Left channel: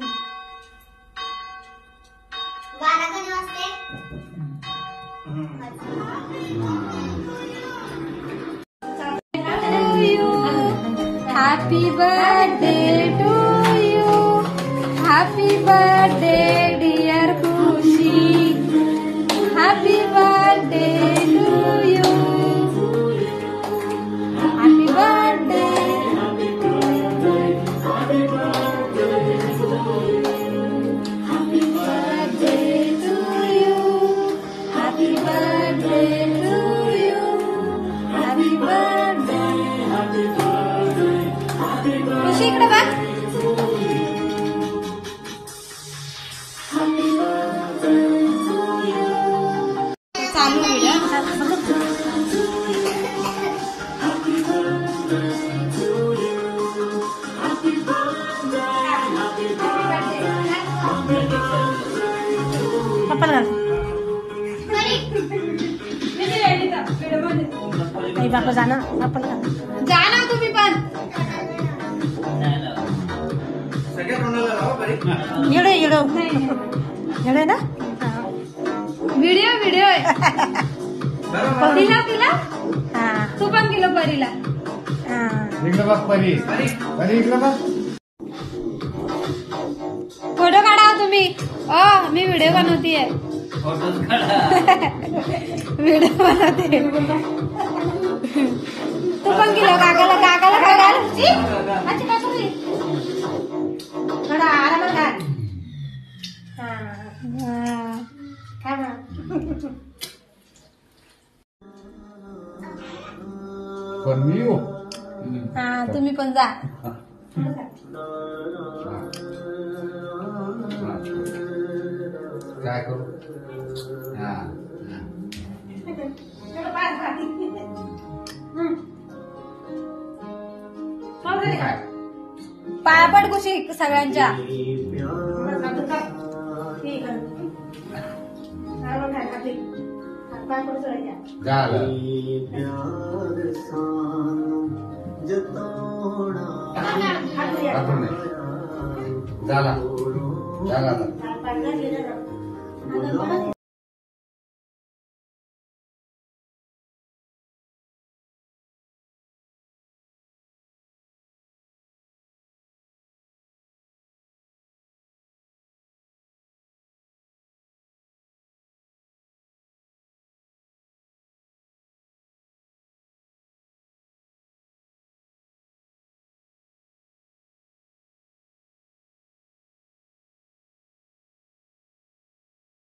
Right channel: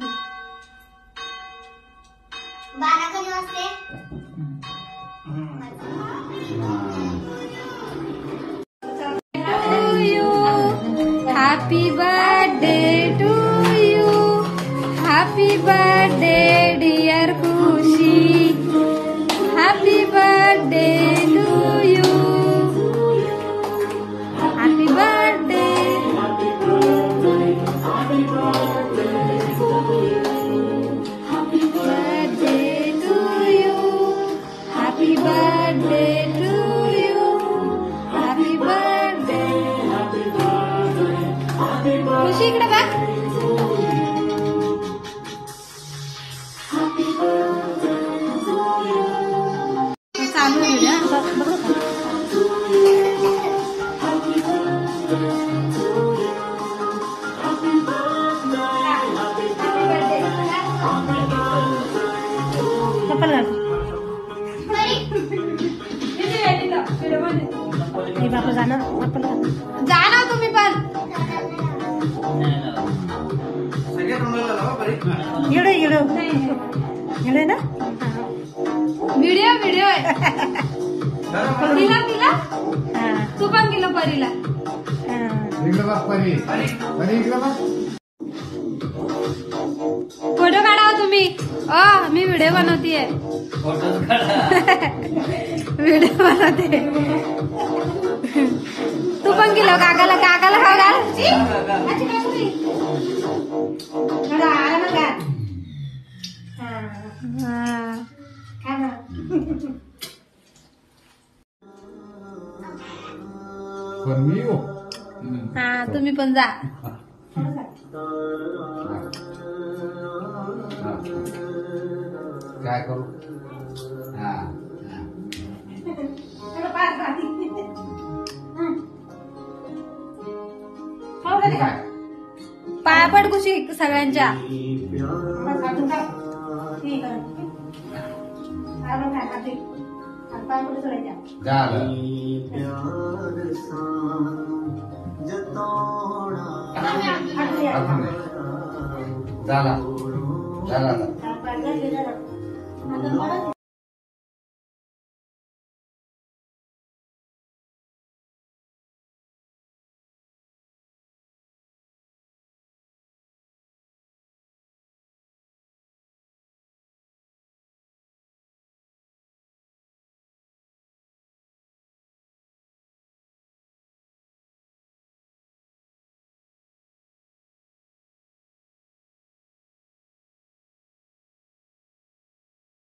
12 कधी वाजते? Happy birthday to you. Happy birthday dear Khushi. Happy birthday to you. Happy birthday. Happy birthday to you. Happy birthday to you. Happy birthday. खुशी इकडे बघ. चालू video पप्पाला घाल. बापा जाना आपण जा ना तुम्ही पण. येडे येडे येडे ना. व्हिडिओ व्हिडिओ परीला तिला. तू पण गेलो परीला. फोटो काढा तुम्ही. मी व्हिडिओ बनवतीये. व्हिडिओ बनवते. तू पण गेलो काकाला काकाला काढा. तुम्ही पण जा. काय करू. पाया पड खुशी सगळ्यांच्या. झाला